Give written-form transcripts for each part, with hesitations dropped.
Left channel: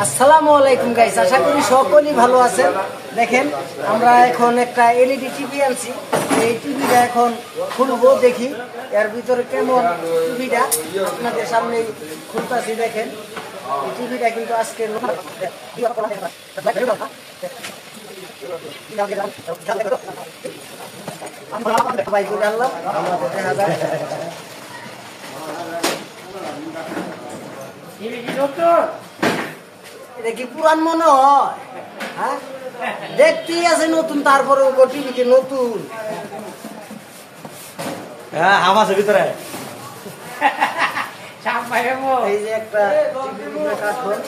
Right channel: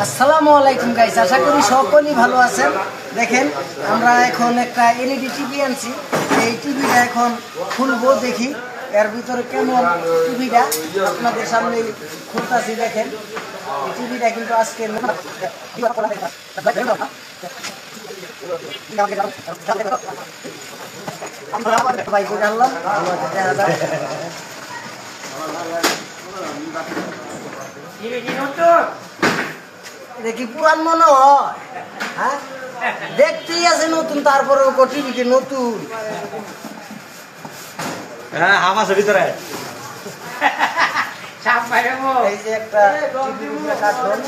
আসসালামু আলাইকুম গাইস, আশা করি সকলেই ভালো আছেন। দেখেন আমরা এখন একটা এলইডি টিভি আনছি। এই টিভিটা এখন খুলবো, দেখি এর ভিতরে কেমন। টিভিটা আপনাদের সামনে খুলতেছি। দেখেন এই টিভিটা কিন্তু আজকে বাইকে জানলাম দেখা যায় দেখি পুরান মনে হয়। হ্যাঁ, দেখতেই আছে নতুন, তারপরে টিভিকে নতুন। হ্যাঁ, হাম আছে ভিতরে। এই যে একটা কার্টুন,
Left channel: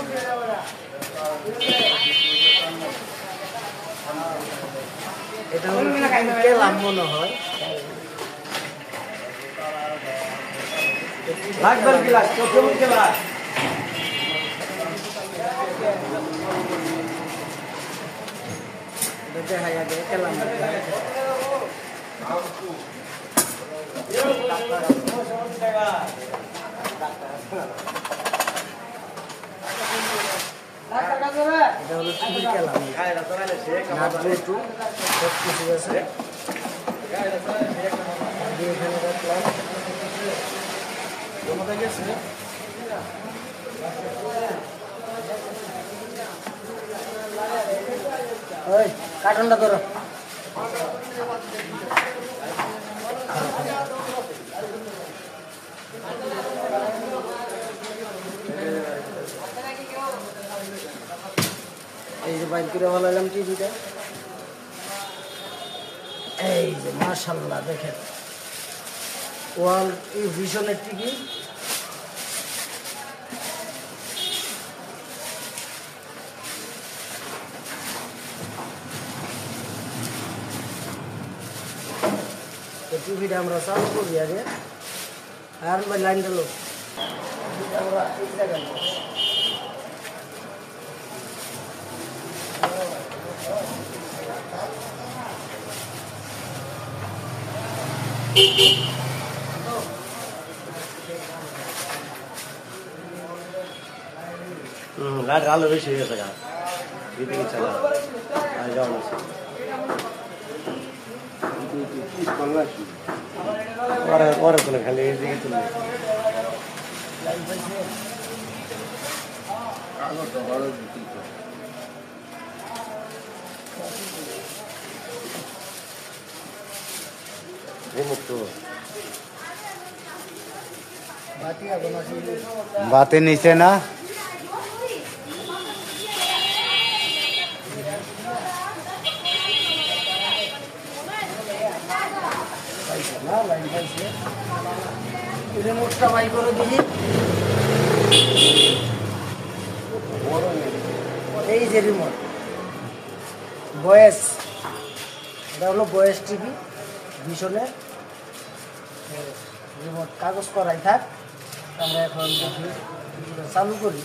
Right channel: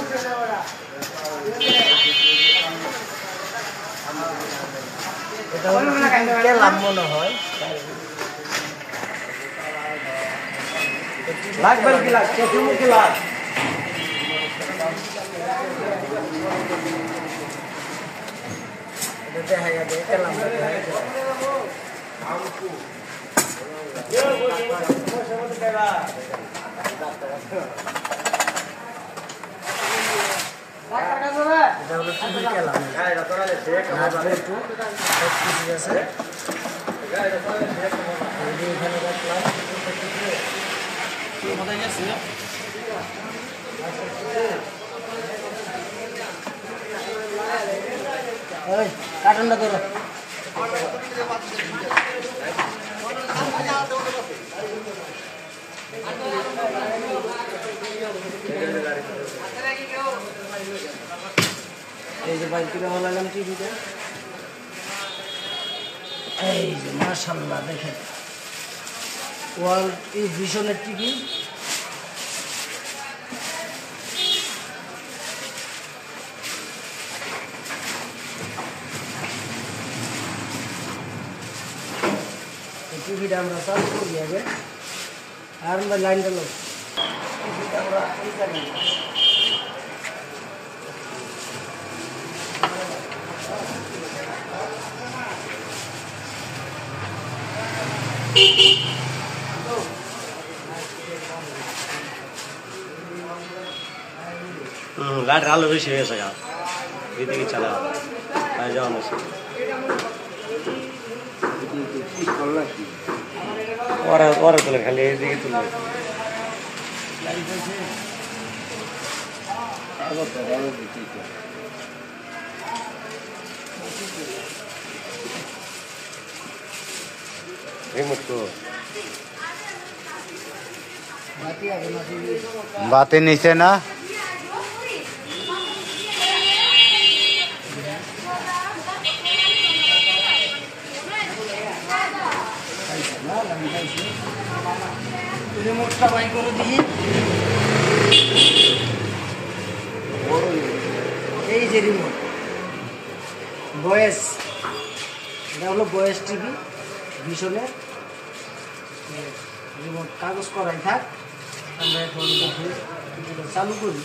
এটা লাভ মনে হয়। লাগবেন কি লাগ, চোখে মুখে লাগ। দেখা যাবে কেলাম এটা হলো টিভি কেলাম। কিছু আছে এখানে দেখলাম ওই কার্টুনটা ধরো। এই যে বাইক কিনে ভালো লাগলাম টিভিটা। এই যে মাশাআল্লাহ দেখেন, ওয়ার্ল্ড এই ভিশনের টিভি। টিভিটা আমরা চালু করি আগে, আর লাইনটা লোক আমরা এই জায়গায় লাইট আলো বেশি হয়ে গেছে গা, এদিকে চালা যাও না। ওরা তুলে খালি এদিকে তুলবে। बातें नीचे ना রিমোটটা বাই করে দিই। এই যে রিমোট ভয়েস, এটা হলো ভয়েস টিভি ভিশনের রিমোট। কাগজ করাই থাক, আমরা এখন দেখি টিভিটা চালু করি।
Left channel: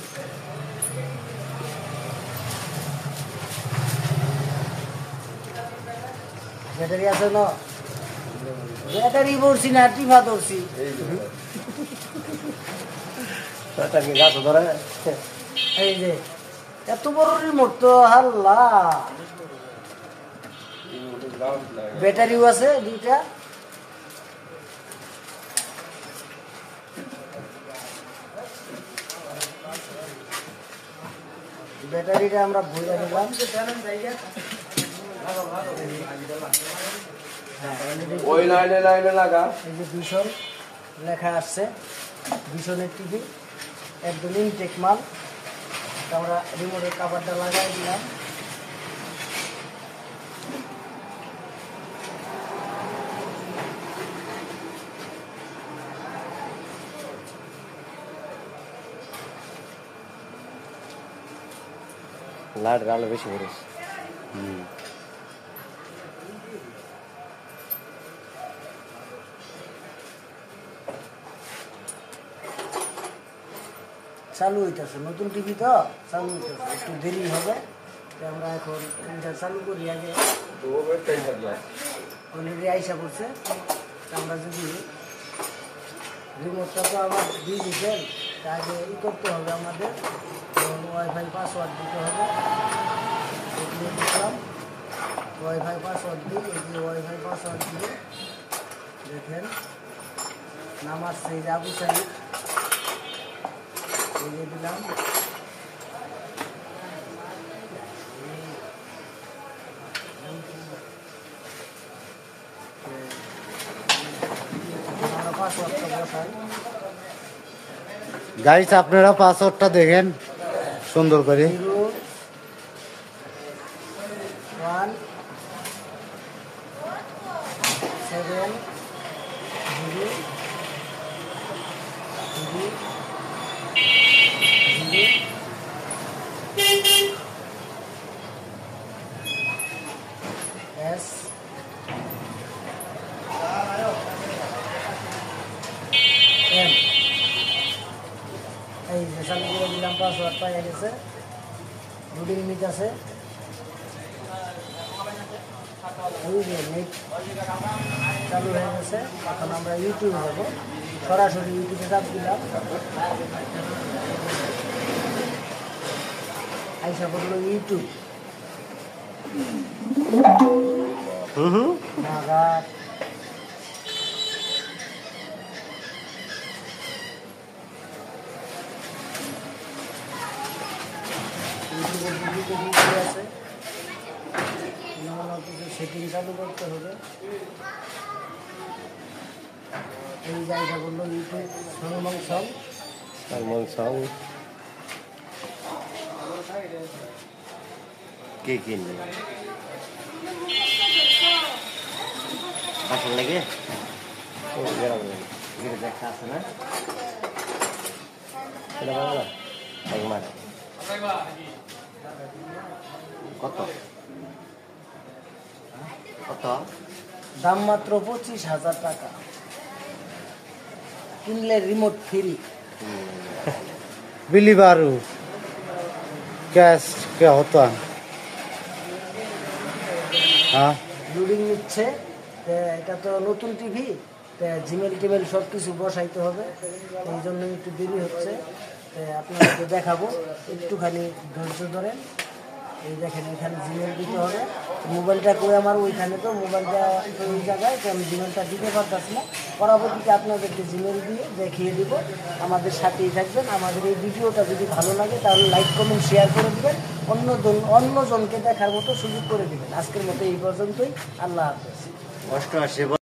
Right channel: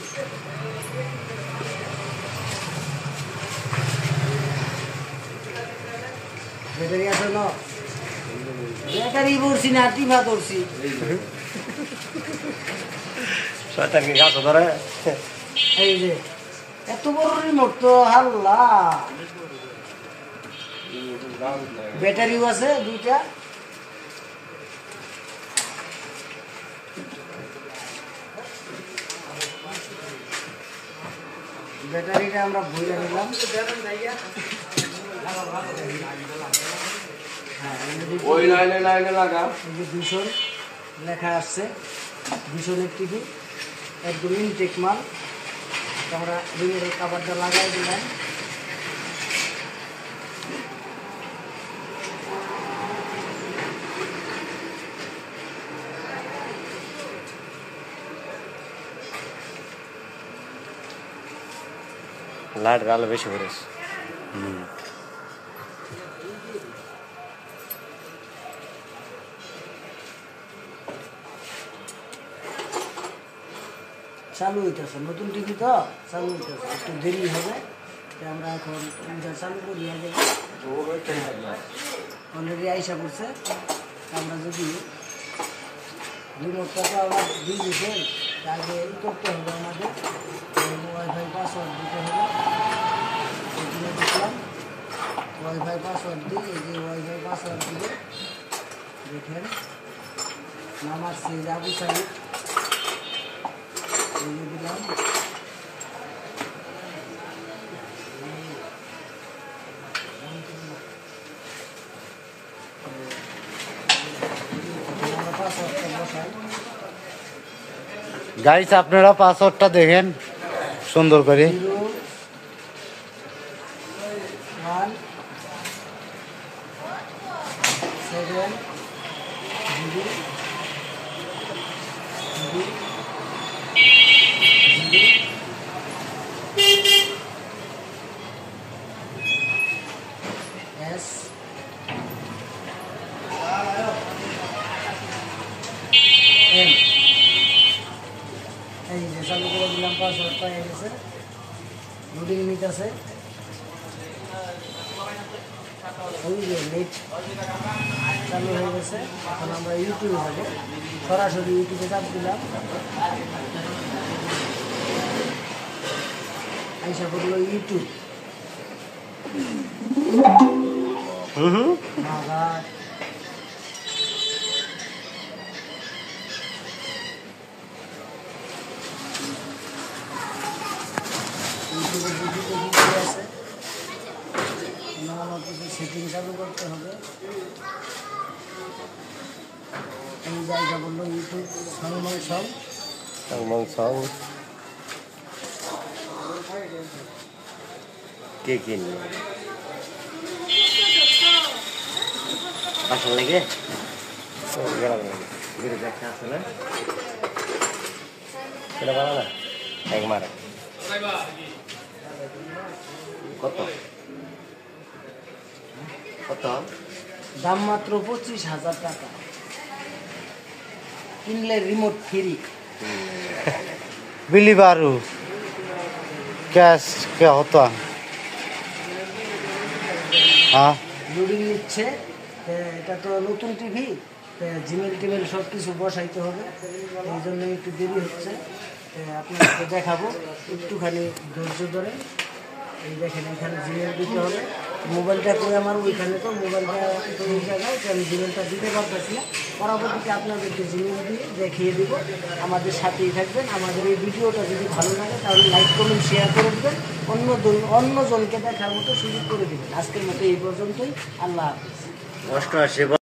ব্যাটারি আছে না? ব্যাটারি ধরছি না, টিভা ধরছি। গাছ ধরে এই যে এত বড় রিমোট তো হাল্লা। ব্যাটারিও আছে দুইটা। ব্যাটারিটা আমরা ভুলে নিলাম। ভীষণ লেখা আসছে, ভীষণের টিভি একদম ইনটেক মাল। আমরা রিমোটের কাভারটা লাগাই দিলাম। লাইট আলো বেশি করেছে। চালু হইতেছে, নতুন টিভি তো চালু হইতেছে, একটু দেরি হবে। আমরা এখন টিভিটা চালু করি আগে। অলরেডি আইসা করছে। আমরা যদি রিমোটটা তো আমার দিয়ে দিচ্ছেন, আগে ই করতে হবে আমাদের ওয়াইফাই পাস পাসওয়ার্ড দিতে হবে, দিয়ে দিলাম। ওয়াইফাই পাসওয়ার্ড দিই, এই যে ওয়াইফাই পাসওয়ার্ড দিয়ে দেখেন নাম আসছে এই যে আবু সাইদ, এই যে দিলাম। পাসওয়ার্ডটা বসাই। গাইস আপনারা পাসওয়ার্ডটা দেখেন সুন্দর করে। 0 1 7 0 S M, এই যে চালু করে দিলাম, পাসওয়ার্ড পাইয়া গেছে, লোডিং নিতেছে। এই যে নেট চালু হয়ে গেছে, এখন আমরা ইউটিউবে যাবো, সরাসরি ইউটিউবে চাপ দিলাম, আইসা করলো ইউটিউব। মাগার ইউটিউবের ভিডিওতে ভিডিও আছে, কিছু সেটিং চালু করতে হবে। এই জায়গা বললো ইউটিউব সং কে কিনবে বাসন লাগে গেলাম দেখা আছে না এটা ভালো না এক মারে কত কত দাম মাত্র 25,000 টাকা, কিনলে রিমোট ফ্রি। बिली बारू कैश क्या होता है? हाँ লোডিং নিচ্ছে, এটা তো নতুন টিভি, জিমেল টিমেল সব কিছু বসাইতে হবে, এই জন্য একটু দেরি হচ্ছে। আপনাদেরকে দেখাবো, একটুখানি ধৈর্য ধরে। এই দেখেন এখানে জিমেল দিতে হবে, মোবাইলটা করে আমার ওইখানে, তো মোবাইলটা ওই জায়গায়, তো আমি জিমেলটা দিতে পারতেছি না। পরবর্তীতে আপনাদেরকে জিমেল দিয়ে দেখিয়ে দিব। আমাদের সাথেই থাকবেন। আমাদের এই ভিডিওটা যদি ভালো লাগে তাহলে লাইক কমেন্ট শেয়ার করে দেবেন, অন্যজনকে দেখার মতো সুযোগ করে দেবেন। আজকের মতো এই পর্যন্তই, আল্লাহ হাফেজ। 88